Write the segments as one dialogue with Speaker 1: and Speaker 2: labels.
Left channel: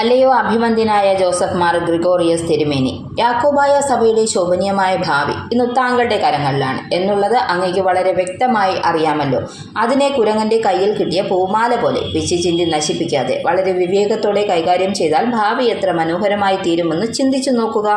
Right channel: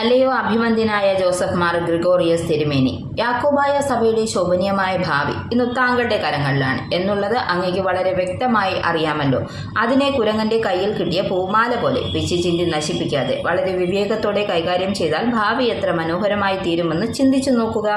Speaker 1: അല്ലയോ അഭിമന്യനായ ജോസഫ് മാർ ഗ്രിഗോറിയസ് തിരുമേനി. യാക്കോബായ സഭയുടെ ശോഭനീയമായ ഭാവി ഇന്ന് താങ്കളുടെ കരങ്ങളിലാണ് എന്നുള്ളത് അങ്ങേക്ക് വളരെ വ്യക്തമായി അറിയാമല്ലോ. അതിനെ കുരങ്ങന്റെ കയ്യിൽ കിട്ടിയ പൂമാല പോലെ പിച്ചി ചിന്തി നശിപ്പിക്കാതെ വളരെ വിവേകത്തോടെ കൈകാര്യം ചെയ്താൽ ഭാവി എത്ര മനോഹരമായി തീരുമെന്ന് ചിന്തിച്ചു നോക്കുക.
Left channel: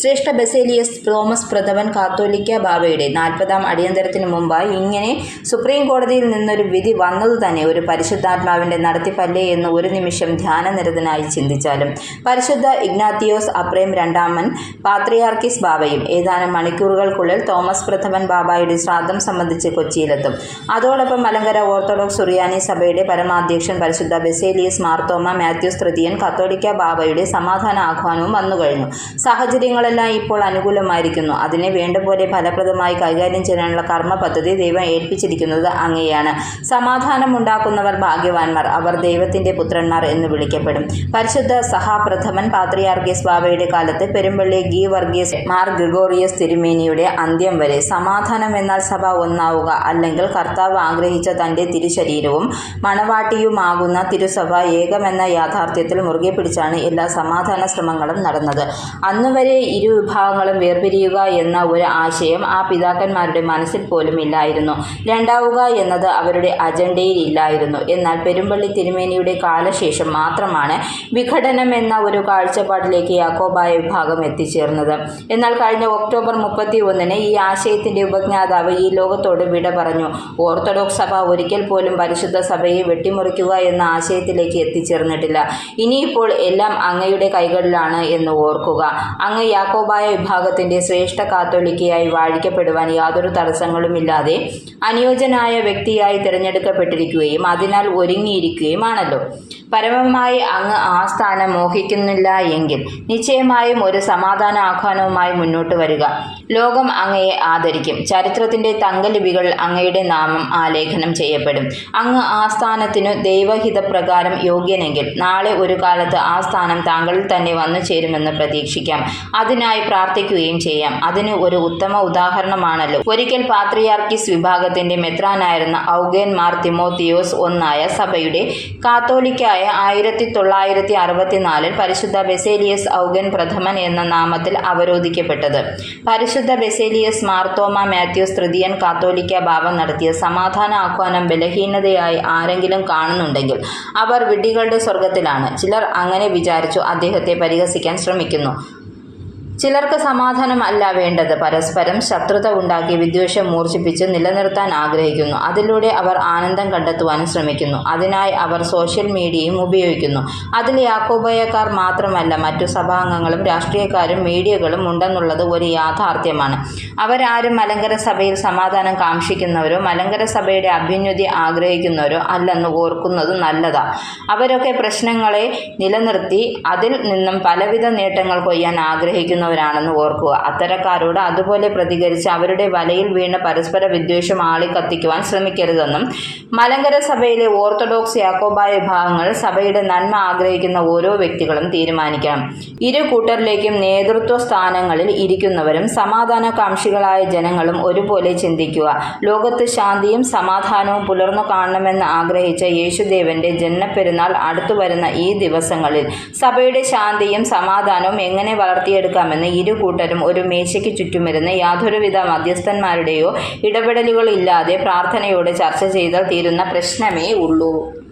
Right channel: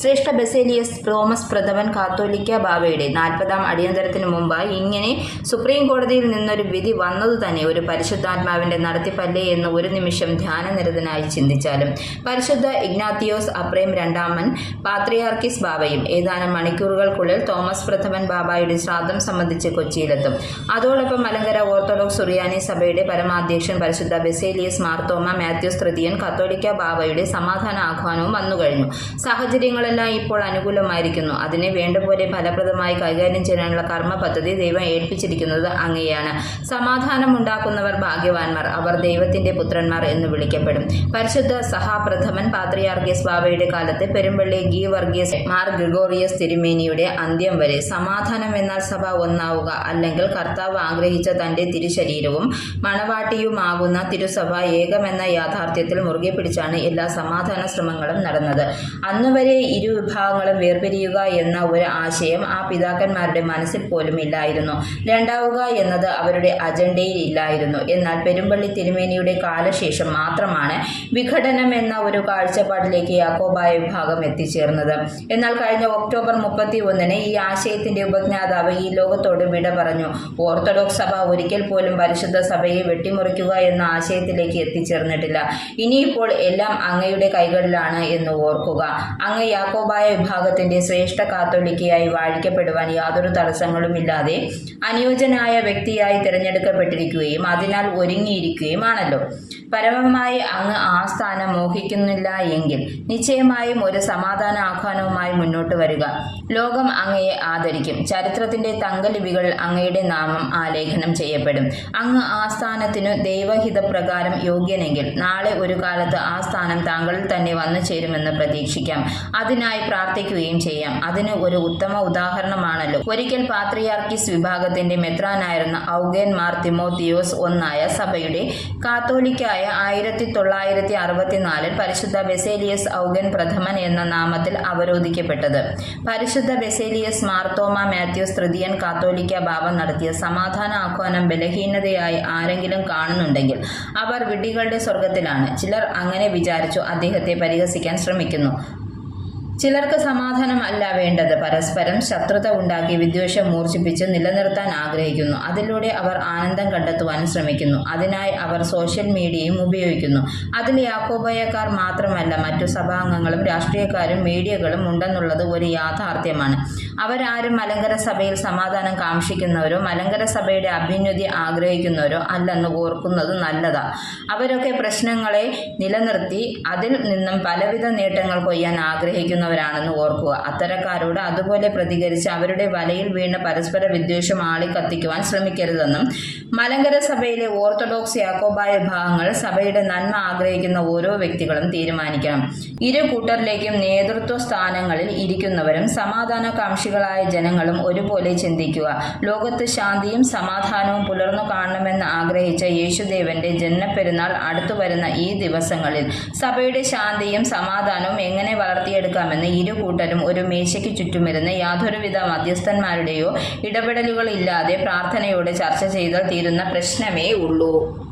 Speaker 1: ശ്രേഷ്ഠ ബസേലിയസ് തോമസ് പ്രഥമൻ കാത്തോലിക്ക ബാബയുടെ നാൽപ്പതാം അടിയന്തരത്തിന് മുമ്പായി ഇങ്ങനെ സുപ്രീം കോടതിയിൽ നിന്നൊരു വിധി വന്നതു തന്നെ ഒരു പരിശുദ്ധാത്മാവിന്റെ നടത്തിപ്പല്ലേ എന്ന് ഒരു നിമിഷം ധ്യാനനിരതനായി ചിന്തിച്ചാലും. പരിശുദ്ധ ഇഗ്നാത്തിയോസ് അപ്രേം രണ്ടാമൻ പാത്രിയാർക്കിസ് ബാബയും ഏതാനും മണിക്കൂറുകൾക്കുള്ളിൽ തോമസ് പ്രഥമൻ ബാബായുടെ ശ്രാദ്ധം സംബന്ധിച്ച് കൊച്ചിയിലെത്തും. അതോടൊപ്പം മലങ്കര ഓർത്തഡോക്സ് സുറിയാനി സഭയുടെ പരമാധ്യക്ഷൻ പരിശുദ്ധ ബെസേലിയസ് മാർത്തോമ മാത്യൂസ് തൃതീയൻ കത്തോലിക്ക ബാബയുടെ സമാധാന ആഹ്വാനവും വന്നുകഴിഞ്ഞു സാഹചര്യങ്ങളെല്ലാം ഇപ്പോൾ അനുകൂലമായിരിക്കുന്നു. അതിനെ വേണ്ടപോലെ ഫലപ്രദമായി കൈകാര്യം ചെയ്യാനുള്ള കർമ്മ പദ്ധതി ദൈവം ഏൽപ്പിച്ചിരിക്കുന്നത് അങ്ങയാണ്. സമാധാനമുണ്ടാക്കുന്നവർ ഭാഗ്യവാന്മാർ. അവർ ദൈവത്തിന്റെ പുത്രന്മാർ എന്ന് വിളിക്കപ്പെടും. പരിശുദ്ധ സഹാപ്രഥമൻ പാത്രിയാർഗീസ് ബാബയുടെ കാലത്ത് പെരുമ്പള്ളി ഗി വർഗീസ് മാർ ഗ്രിഗോറിയസ് തിരുമേനിയുടെ അന്ത്യം വരെ സമാധാനം എന്നാൽ സഭ ഒന്നാവുക അല്ലെങ്കിൽ കർത്താവ് ആഗ്രഹിച്ച തന്റെ തിരുശരീരവും മണവാട്ടിയുമാകുന്ന തിരുസഭ ഏകമെന്ന യാഥാർത്ഥ്യത്തിൽ മുറുകെ പിടിച്ചാണ് എല്ലാ സമാധാന ശ്രമങ്ങളും നടന്നത്. അന്നുവരെ ഇരു വിഭാഗങ്ങളും വേർപിരിയുക എന്ന ഒരു ആശയം ആ പിതാക്കന്മാരുടെ മനസ്സിൽ പോലും ഇല്ലായിരുന്നു. രണ്ടാവുക എന്നത് അവരുടെ അജണ്ടയിൽ ഇല്ലായിരുന്നു. എന്നാൽ പെരുമ്പള്ളി തിരുമേനിയുടെ കാലശേഷം മാത്രമാണ് വിഘടനം എന്ന ഒരു കാഴ്ചപ്പാടിലേക്ക് യാക്കോബായ വിഭാഗം എത്തിച്ചേർന്നത്. എന്നാൽ കഴിഞ്ഞ ഒക്ടോബർ മുപ്പത്തി ഒന്നിന് ഈ ആശയത്തിന്റെ ഉപജ്ഞാതാവ് ഈ ലോകത്തോട് വിട പറഞ്ഞു. ഓർത്തഡോക്സ് സഭ ഒരിക്കൽ പോലും പരിശുദ്ധ സഭയെ വെട്ടിമുറിക്കുക എന്ന ആശയത്തിലേക്ക് എത്തിച്ചേർന്നിട്ടില്ല. ഇനിയിപ്പോൾ എല്ലാം അങ്ങയുടെ കൈകളിലാണ് എന്ന് ഓർക്കുക. അങ്ങ് യാക്കോബായ വിഭാഗത്തിന്റെ ശ്രേഷ്ഠ കാത്തോലിക്കയായി വാഴിക്കപ്പെടുവാൻ യാതൊരു തടസ്സങ്ങളുമില്ലാതെ അനുയോജ്യനായ വ്യക്തിയായി തിരഞ്ഞെടുക്കപ്പെട്ടിരിക്കുകയും അതിനാൽ ഒരുങ്ങിയിരിക്കുകയുമാണല്ലോ. പരമമായി അങ്ങ് ആ സ്ഥാനം മോഹിക്കുന്നില്ല എങ്കിൽ നിശ്ചയമായും ഒരു സമാധാന ആഹ്വാനവുമായി മുന്നോട്ട് വരിക. ലോകം അങ്ങയെ ആദരിക്കും. ചരിത്രത്തിന്റെ തങ്കലിപികൾ അങ്ങയുടെ നാമം ആലേഖനം ചെയ്യപ്പെടും. അങ്ങ് ആ സ്ഥാനത്തിനു ദൈവഹിതപ്രകാരം യോഗ്യനെങ്കിൽ നാളെ ഒരു കാലത്ത് ആ സ്ഥാനം താങ്കളിൽ തന്നെ വന്നു ചേരുമെന്ന് പ്രതീക്ഷിക്കാം. അതിനായി പ്രാർത്ഥിക്കുകയും ചെയ്യാം. അതിന് ഒരു ഉത്തമ ഉദാഹരണമാണല്ലോ. ഒരിക്കൽ പാത്രിയാർക്കിസ് വിഭാഗത്തിന്റെ മെത്രാനായിരുന്ന ഔഗേൻ മാർ തിമോത്തിയോസ് ഒന്നായ സഭയുടെ കാത്തോലിക്കായ ആയിരത്തി തൊള്ളായിരത്തി അറുപത്തിനാലിൽ പരിശുദ്ധ ബെസേലിയസ് ഔഗൻ പ്രഥമൻ എന്ന നാമത്തിൽ അവരോധിക്കപ്പെട്ടത്. പരിശുദ്ധ ബെസേലിയസ് മാർത്തോമ മാത്യൂസ് തൃതീയൻ കാത്തോലിക്ക ഭാവം നടത്തിയ സമാധാന ആഹ്വാനം ബലഹീനതയായി ആരെങ്കിലും കാണുന്നുണ്ടെങ്കിൽ അവർ വിഡ്ഢികളുടെ സ്വർഗത്തിലാണ് ചിലർ അങ്ങനെ വിചാരിച്ചു അദ്ദേഹത്തെ പരിഹസിക്കാൻ ശ്രമിക്കുന്നു. ചിലർക്ക് സമാധാനം അല്ല വേണ്ടത്. പരസ്പരം ശത്രുത ഉണ്ടാക്കി വിദ്വേഷം മൂർച്ഛിപ്പിച്ച് നിലനിർത്താൻ ആഗ്രഹിക്കുന്നു. അതിലൂടെ അവർ ആനന്ദം കണ്ടെത്തുവാനും ശ്രമിക്കുന്നു. അതിനായി അവർ സോഷ്യൽ മീഡിയയും ഉപയോഗിക്കുന്നു. അതിൽ യാക്കോബയക്കാർ മാത്രമല്ല മറ്റു സഭാംഗങ്ങളും രാഷ്ട്രീയക്കാരും മീഡിയകളും ഉണ്ടെന്നുള്ളത് ഒരു യാഥാർത്ഥ്യമാണ്. അവരാരും മലങ്കര സഭയിൽ സമാധാനം കാക്ഷിക്കുന്നവരോ മലങ്കര സഭയുടെ അഭ്യുന്നതി ആഗ്രഹിക്കുന്നവരോ അല്ലെന്ന് ഓർക്കുന്നത് നല്ലതാ. അവരൊക്കെ പ്രശ്നങ്ങളെ നിലനിർത്തി അതിൽ നിന്നും പലവിധ നേട്ടങ്ങൾ കൊയ്യാൻ ആഗ്രഹിക്കുന്നവരാണെന്ന് ഓർക്കുക. അത്തരക്കാരോട് അതുപോലെ പ്രതികരിച്ച് അവരുടെ വലയിൽ വീണ് പരസ്പര വിദ്വേഷം ആളിക്കത്തിക്കുവാൻ ശ്രമിക്കരുതെന്നും മലങ്കര സഭയിലെ ഓർത്തഡോക്സ് യാക്കോബായ വിഭാഗങ്ങൾ സഭയുടെ നന്മ ആഗ്രഹിക്കുന്ന ഓരോ വ്യക്തികളും തീരുമാനിക്കണം. ഇരു കൂട്ടരിലേക്കും നേതൃത്വ സ്ഥാനങ്ങളിൽ ഇരിക്കുന്നവരും സമാധാനകാംക്ഷികളായ ജനങ്ങളും ഒരുപോലെ ചിന്തിക്കുക. ലോകത്ത് ശാന്തിയും സമാധാനവും പുലർന്നു കാണണമെന്ന് ആഗ്രഹിച്ച യേശുദേവന്റെ ജന്മപ്പെരുന്നാൾ അടുത്തു വരുന്ന ഈ ദിവസങ്ങളിൽ സഭയുടെ ശാന്തിയും സമാധാനവും എങ്ങനെ വളർത്തിയെടുക്കാമെന്ന് ഇരു കൂട്ടരും ഒരു മേശയ്ക്ക് ചുറ്റുമിരുന്ന് യാതൊരുവിധ മധ്യസ്ഥന്മാരുടെയോ ഇടപെടലുകളില്ലാതെ പ്രാർത്ഥനയോടെ ചർച്ച ചെയ്താൽ തീരുന്ന പ്രശ്നമേ ഉള്ളൂ.